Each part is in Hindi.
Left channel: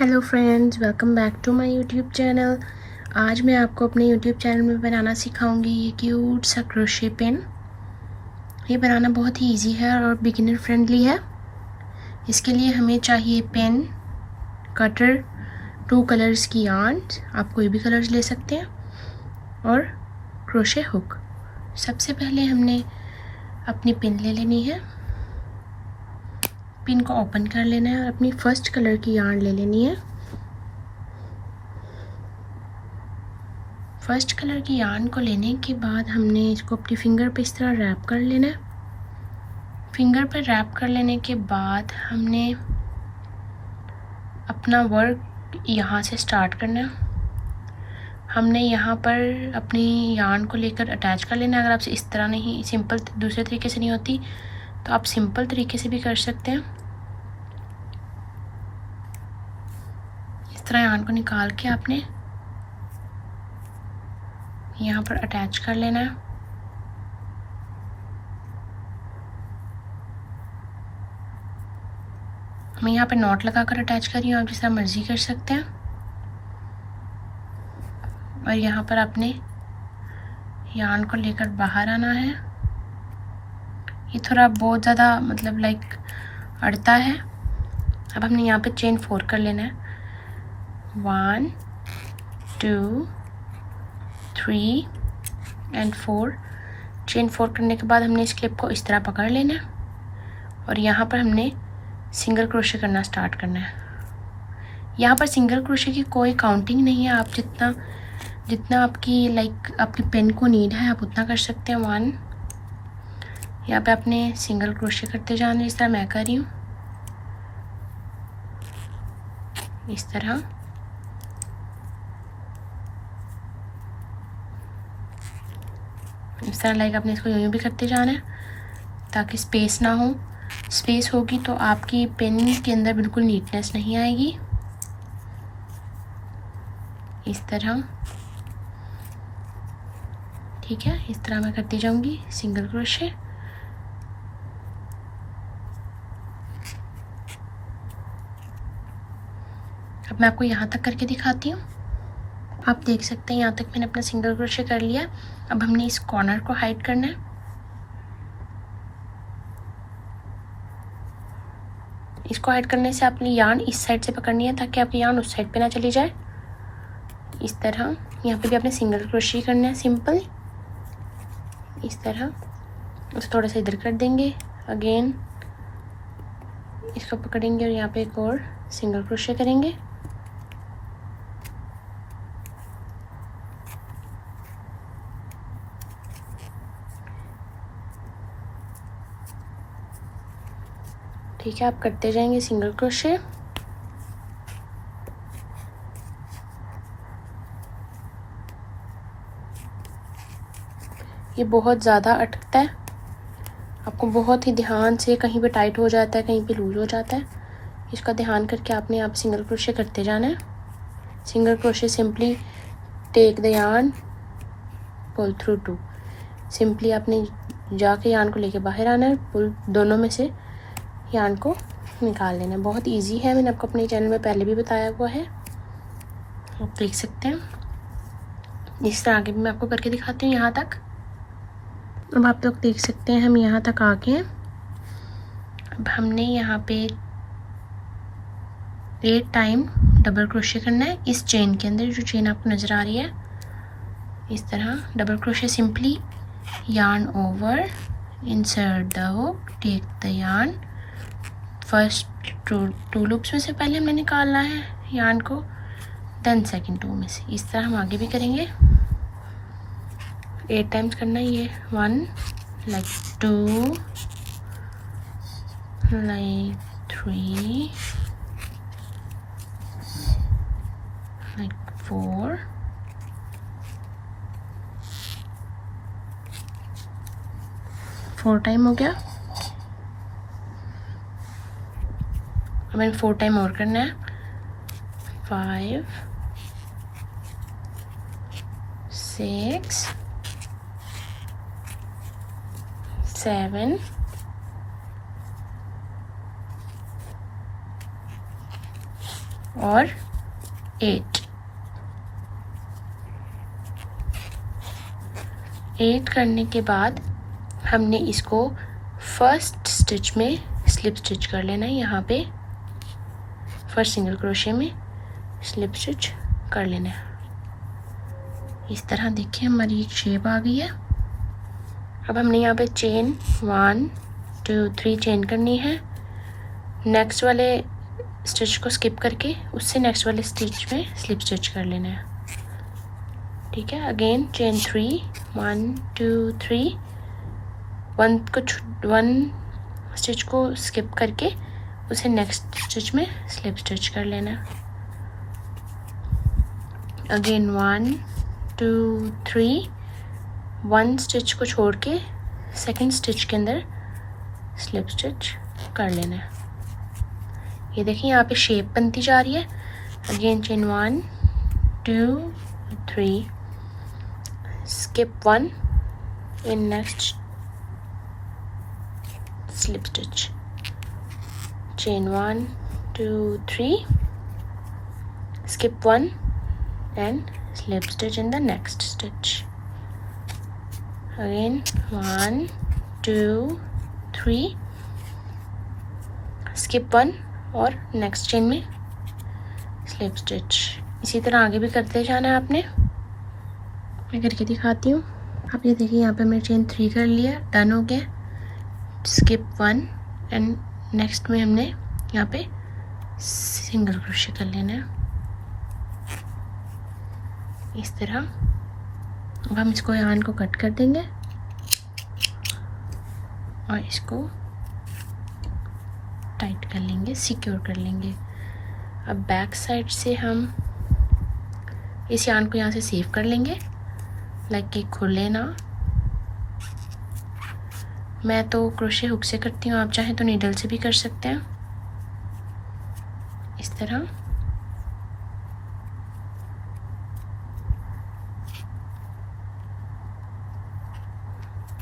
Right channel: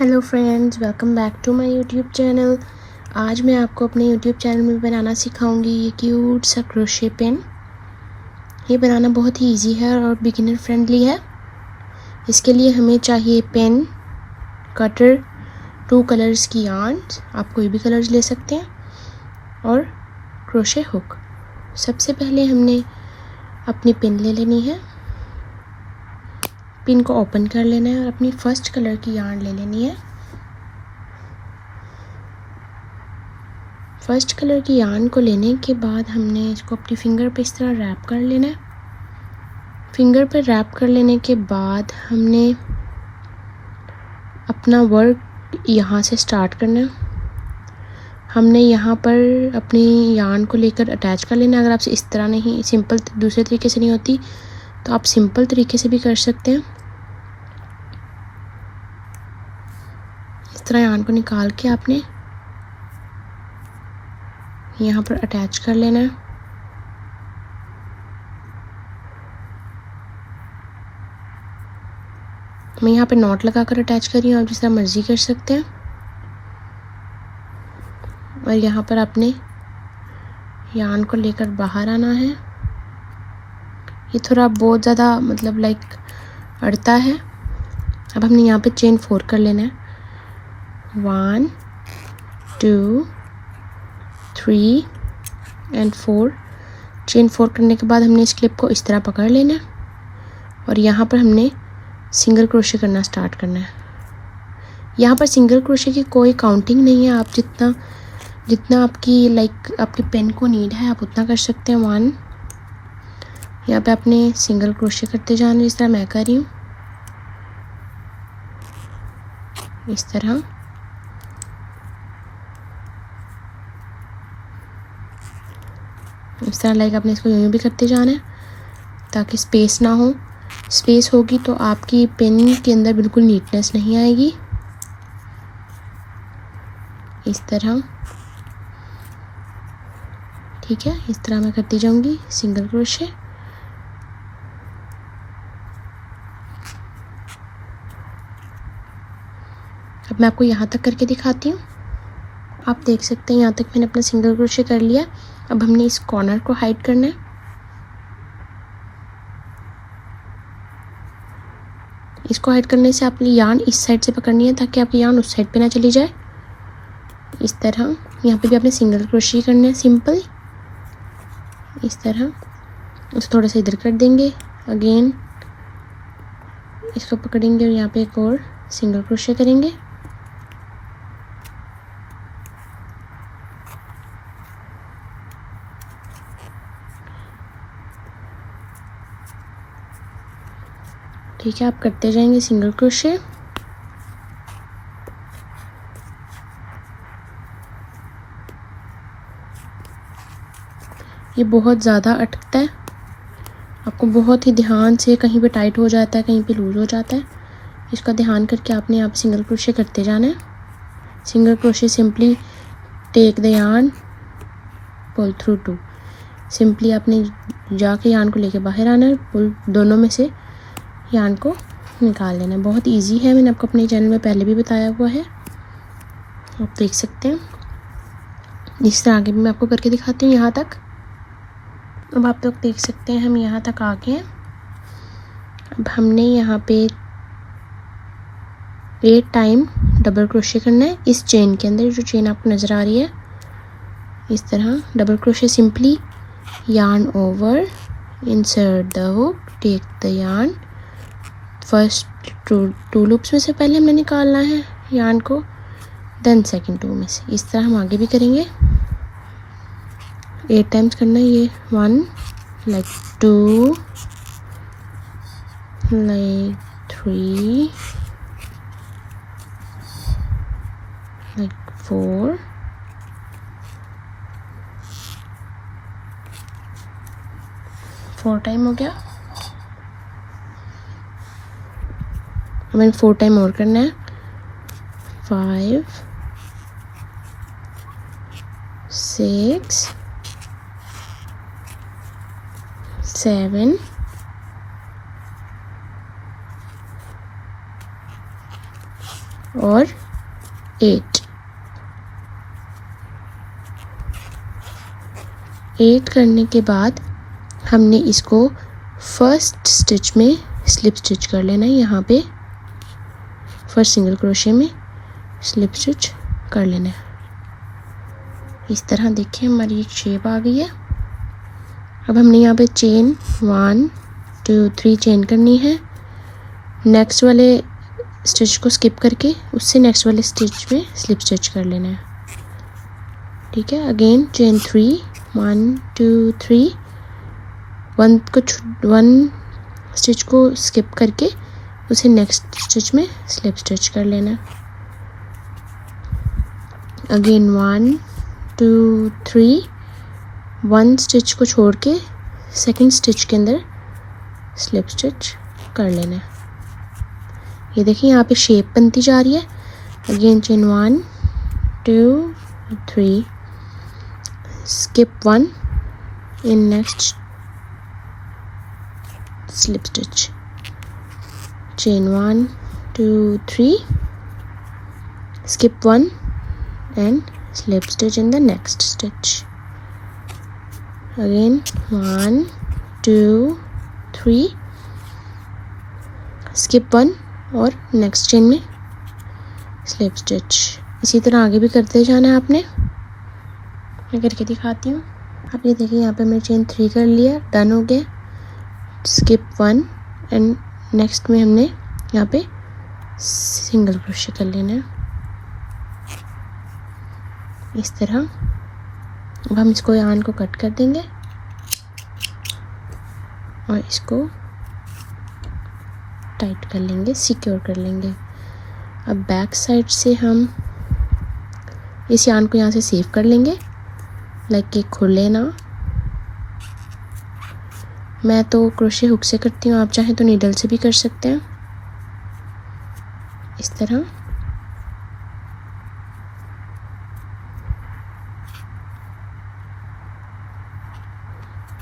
Hello friends, welcome back to my YouTube channel. आज मैं आपको अपने यूट्यूब चैनल में बनाना सिखाऊंगी ये क्यूट सा क्रोशे पेन। ये बनाना बहुत ही इजी है और बिगिनर फ्रेंडली है। इसके लिए हमें चाहिए पेन, कटर, 2 कलर्स की yarn, आप कोई भी कलर्स ले सकते हैं, और क्रोशे हुक। सबसे पहले हमने अपनी पिन ले लेनी है। पिन को ओपन कर लेना है और अपनी फर्स्ट कलर की yarn ले लेनी है। फर्स्ट कलर की yarn को लेने के बाद हमने इसको अपनी फिंगर पे इस तरह रैप कर लेना है। फिंगर पे रैप कर लेने के बाद हमने अपना वर्क यहाँ से स्टार्ट करना है। हमने यहाँ पर अपनी yarn को लेकर अटैच कर लेना है। अगर आपसे इस तरह नहीं, सिंपल दूसरे तरीके से नहीं होती तो आप सिंपल तरीके से भी कर सकते हैं। इस तरह yarn को निकाल के आपने यहाँ पर अटैच कर लेना है। मैं यहाँ पे नॉट लगा कर अटैच कर रही हूँ, आप जिस तरह मर्जी कर सकते हैं। और यहाँ पर आपने yarn को लेकर बाहर आना है। ये थोड़ा बहुत ज़्यादा लाइक अड़ता है। अब हमने यहाँ पे चेन 4 कर लेना है। 1 2 3 एंड 4। चेन 4 करने के बाद हमने इस क्लिप को इस तरह पकड़ लेना है और यहाँ पर हमने सिंगल क्रोशे करना स्टार्ट करना है। यहाँ पर सिंगल क्रोशे की कोई काउंटिंग नहीं है, आप जितना आपकी आपकी पेन को नीड है आप उतना कर सकते हैं। 1, यहाँ पे आपने सिंगल क्रोशे करते जाना, जिस तरह मैं कर रही हूँ। इस तरह आपने इसको यूँ भी करते जाना है ताकि स्पेस ना हो। स्पेस होगी तो आपकी पेन के अंदर बिल्कुल नीटनेस नहीं आएगी। इस तरह, ठीक है, इस तरह मैं करती जाऊंगी सिंगल क्रोशे। अब मैं आपको यहाँ तक करके दिखाती हूँ। आप देख सकते हैं यहाँ तक मैंने अपना सिंगल क्रोशे कर लिया। अब हमने इस कॉर्नर को हाइड करना है। इसको हाइड करने से आपने yarn इस साइड से पकड़नी है ताकि आपकी yarn उस साइड पे ना चली जाए। इस तरह यहाँ पे भी आपने सिंगल क्रोशे करना है सिंपल। इस तरह इसको थोड़ा सा इधर कर देंगे, अगेन इसको पकड़ेंगे और यहाँ पे एक और सिंगल क्रोशे करेंगे। ठीक है, आप करते जाएंगे सिंगल क्रोशे। ये बहुत ज़्यादा अटकता है, आपको बहुत ही ध्यान से, कहीं पे टाइट हो जाता है, कहीं पे लूज हो जाता है, इसका ध्यान करके आपने यहाँ सिंगल क्रोशे करते जाना है। Single crochet simply take the yarn, pull through 2। Simply आपने जाके yarn को लेके बाहर आना है, पुल दोनों में से yarn को निकाल लेना है। बहुत इजी है, मैंने आपको अपने चैनल में पहले भी बताया हुआ है, आप देख सकते हैं। इस तरह आगे भी मैं आपको करके दिखाती हूँ यहाँ तक। अब आप लोग देख सकते हैं हम यहाँ तक आ गए हैं। अब हमने यहाँ पे 8 टाइम डबल क्रोशे करना है इस चेन के अंदर, जो चेन आपको नज़र आ रही है। इस तरह double crochet, simply yarn over, insert the hook, take the yarn। First two loops में से पहले हमने निकालना है yarn को, देन सेकंड 2 में से। इस तरह हम आगे भी करेंगे। 8 टाइम्स करना है ये। 1 लाइक 2 लाइक 3 लाइक 4 4 टाइम हो गया। मैंने 4 टाइम और करना है। 5 6 7 8 और 8 करने के बाद हमने इसको फर्स्ट स्टिच में स्लिप स्टिच कर लेना है। यहाँ पे फर्स्ट सिंगल क्रोशे में स्लिप स्टिच कर लेना है। इस तरह देखिए हमारी एक शेप आ गई है। अब हमने यहाँ पे चेन 1 2 3 चेन करनी है। नेक्स्ट वाले स्टिच को स्किप करके उससे नेक्स्ट वाले स्टिच में स्लिप स्टिच कर लेना है। ठीक है, अगेन चेन 3 1 2 3 1 स्टिच को स्किप करके उसे नेक्स्ट स्टिच में स्लिप स्टिच कर लेना है। अगेन 1 2 3 1 स्टिच को छोड़ के सेकंड स्टिच के अंदर स्लिप स्टिच कर लेना है। ये देखिए यहाँ पे शेप बनती जा रही है। Again chain 1 2 3 skip 1 in next slip stitch, chain 1 2 3 skip 1 and slip stitch in the next stitch. Again 1 2 3 skip 1 और नेक्स्ट चेन में स्लिप स्टिच। इसी तरह आगे भी करते जाना है आपने। मैं करके दिखाती हूँ। आप ये देखिए यहाँ पे मैंने चेन 3 कर लिया, डन हो गया। स्किप 1 एंड नेक्स्ट में हमने यहाँ पे सिंगल क्रोशे कर लेना है इस तरह। अब हम इसको यार्न को कट कर देंगे और इसको टाइट कर लेंगे, सिक्योर कर लेंगे। अब बैक साइड से हम इस यार्न को यहाँ से सेव कर लेंगे, लाइक कि खुले ना। मैं तो क्रोशे हुक से करती हूँ, आप चाहें तो नीडल से भी कर सकते हैं इस तरह।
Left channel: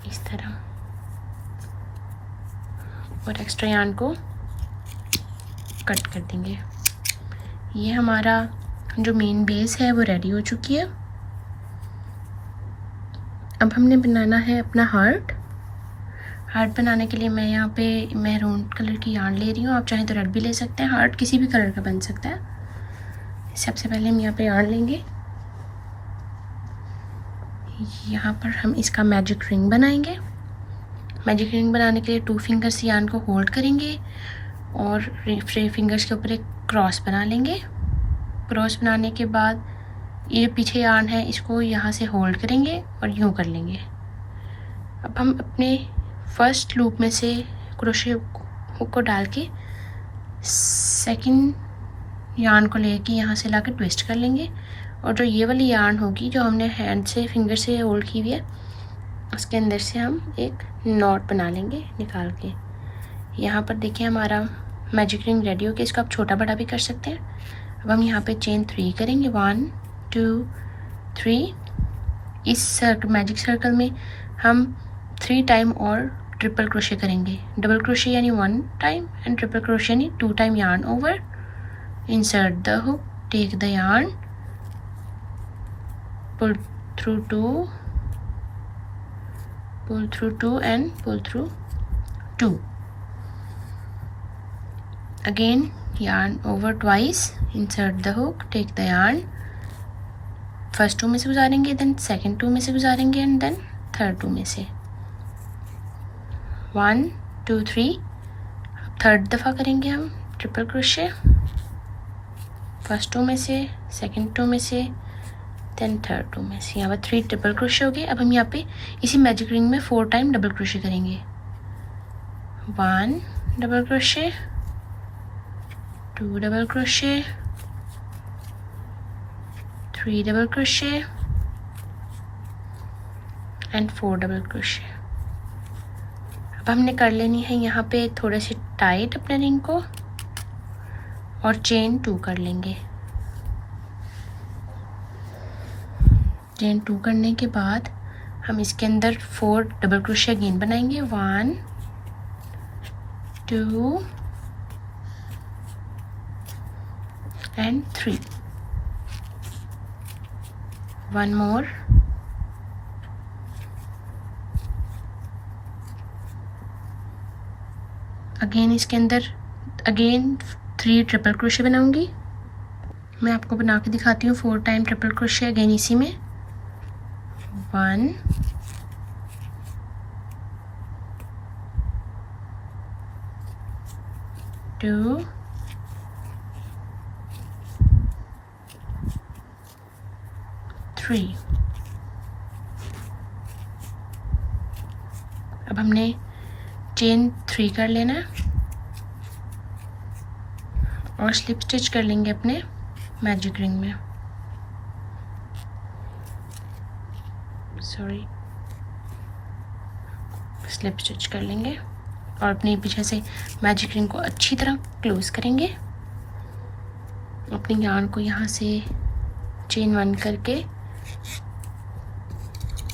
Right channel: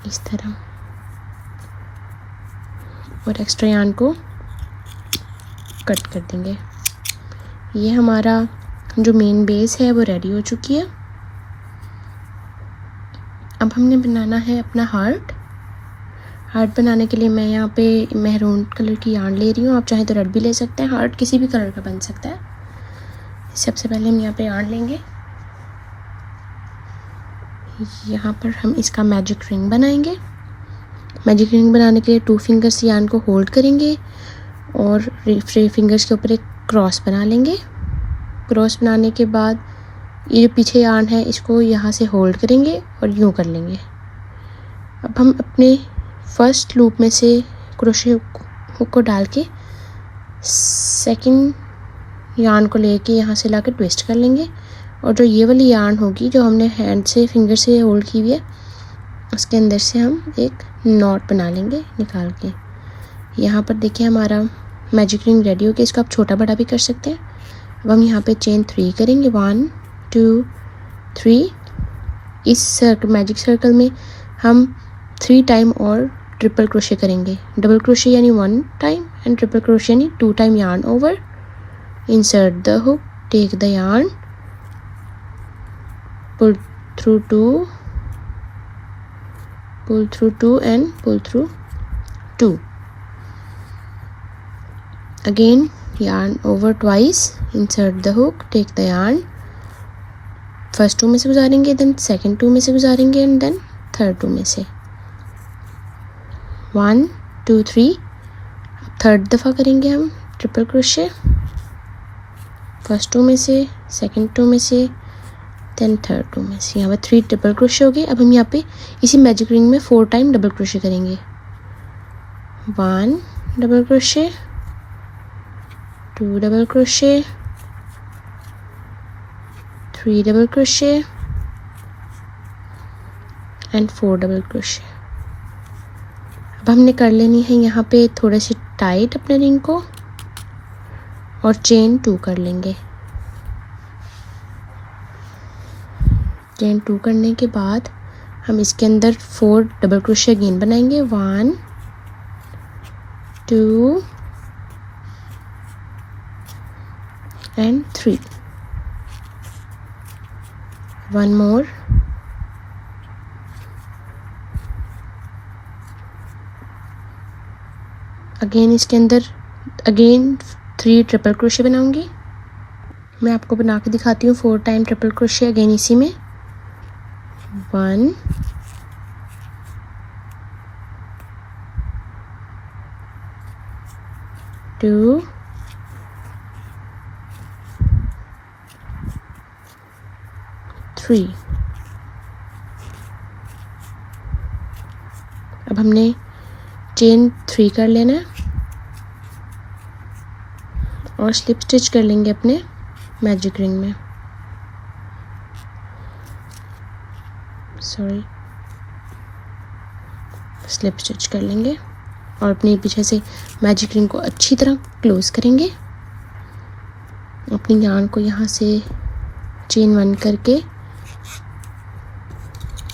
इस तरह और एक्स्ट्रा यार्न को कट कर देंगे। ये हमारा जो मेन बेस है वो रेडी हो चुकी है। अब हमने बनाना है अपना हार्ट। हार्ट बनाने के लिए मैं यहाँ पे मैरून कलर की यार्न ले रही हूँ, आप चाहें तो रेड भी ले सकते हैं। हार्ट किसी भी कलर का बन सकता है। सबसे पहले हम यहाँ पे यार्न लेंगे। यहाँ पर हम इसका मैजिक रिंग बनाएंगे। मैजिक रिंग बनाने के लिए 2 फिंगर से यार्न को होल्ड करेंगे और 3 फिंगर्स के ऊपर एक क्रॉस बना लेंगे। क्रॉस बनाने के बाद ये जो पीछे यार्न है इसको यहाँ से होल्ड करेंगे और यूँ कर लेंगे। अब हम अपने फर्स्ट लूप में से क्रोशे हुक को डाल के सेकंड यार्न को लेके यहाँ से लाकर ट्विस्ट कर लेंगे और जो ये वाली यार्न होगी जो हमने हैंड से फिंगर से होल्ड की हुई है उसके अंदर से हम एक नॉट बना लेंगे निकाल के। यहाँ पर देखिए हमारा मैजिक रिंग रेडी हो गया। इसको आप छोटा बड़ा भी कर सकते हैं। अब हम यहाँ पे चेन 3 करेंगे, 1 2 3। इस मैजिक सर्कल में हम 3 टाइम और ट्रिपल क्रोशे करेंगे। डबल क्रोशे यानी 1 टाइम एंड ट्रिपल क्रोशे यानी 2 time yarn over. Insert the hook, take the yarn, pull through 2 and pull through 2. Again yarn over twice, insert the hook, take the yarn, first 2 में से गुजारेंगे, then second 2 में से गुजारेंगे and then third 2 में से। 1 2 3। थर्ड दफ़ा करेंगे हम ट्रिपल क्रोशे, फर्स्ट 2 में से, सेकंड 2 में से, देन थर्ड 2 में से। यहाँ पर 3 ट्रिपल क्रोशे हो गए। अब हम यहाँ पे इसी मैजिक रिंग में 4 टाइम डबल क्रोशे करेंगे। 1 double crochet, 2 double crochet, 3 double crochet and 4 double crochet. अब हमने कर लेनी है यहाँ पे थोड़े से टाइट अपने रिंग को और चेन 2 कर लेंगे। चेन 2 करने के बाद हम इसके अंदर 4 डबल क्रोशे अगेन बनाएंगे। 1 2 and 3. One more. अगेन इसके अंदर अगेन 3 ट्रिपल क्रोशे बनाऊंगी। मैं आपको बना के दिखाती हूँ 4 टाइम ट्रिपल क्रोशे अगेन इसी में। 1 2 3। अब हमने चेन 3 कर लेना है और स्लिप स्टिच कर लेंगे अपने मैजिक रिंग में। सॉरी, स्लिप स्टिच कर लेंगे और अपने पीछे से मैजिक रिंग को अच्छी तरह क्लोज करेंगे। अपनी यार्न को यहाँ से चेन 1 करके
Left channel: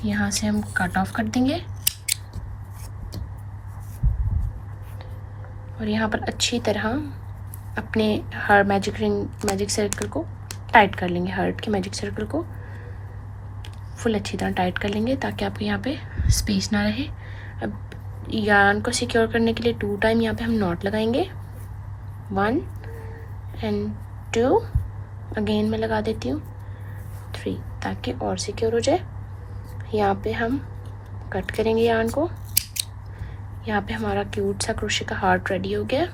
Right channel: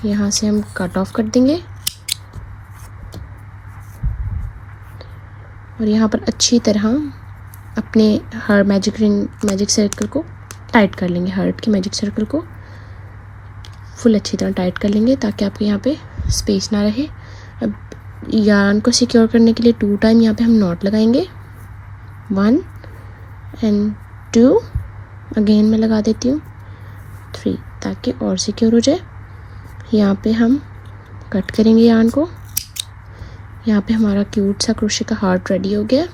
यहाँ से हम कट ऑफ कर देंगे और यहाँ पर अच्छी तरह अपने हर मैजिक सर्कल को टाइट कर लेंगे। हार्ट के मैजिक सर्कल को फुल अच्छी तरह टाइट कर लेंगे ताकि आपके यहाँ पे स्पेस ना रहे। अब यार्न को सिक्योर करने के लिए 2 टाइम यहाँ पे हम नॉट लगाएंगे। 1 and 2। अगेन मैं लगा देती हूँ 3 ताकि और सिक्योर हो जाए। यहाँ पे हम कट करेंगे यार्न को। यहाँ पे हमारा क्यूट सा क्रोशे का हार्ट रेडी हो गया।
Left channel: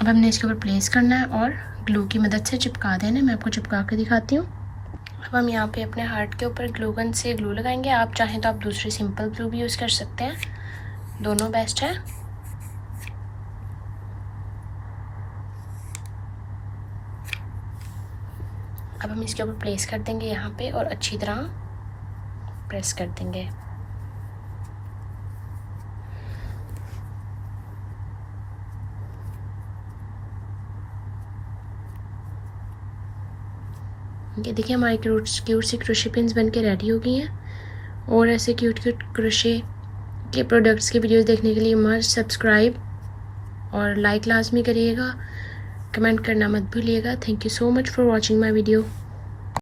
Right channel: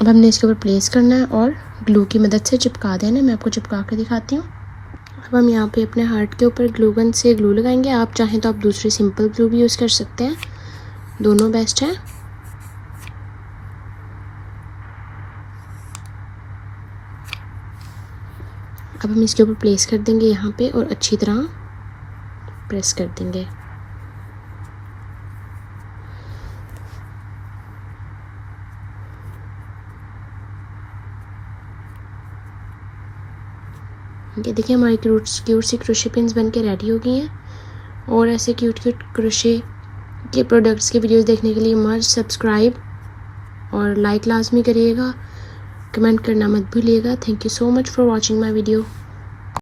अब हमने इसके ऊपर प्लेस करना है और ग्लू की मदद से चिपका देना है। मैं आपको चिपका कर दिखाती हूँ। अब हम यहाँ पे अपने हार्ट के ऊपर ग्लू गन से ग्लू लगाएंगे। आप चाहें तो आप दूसरी सिंपल ग्लू भी यूज़ कर सकते हैं, दोनों बेस्ट है। अब हम इसके ऊपर प्लेस कर देंगे यहाँ पे और अच्छी तरह प्रेस कर देंगे। ये देखिए हमारी क्यूट सी क्रोशे पिन्स बन के रेडी हो गई हैं। और ऐसे क्यूट क्रोशे के प्रोडक्ट्स के वीडियोस देखने के लिए मस्ट सब्सक्राइब और लाइक लाजमी करिएगा, कमेंट करना मत भूलिएगा। Thank you so much for watching my video.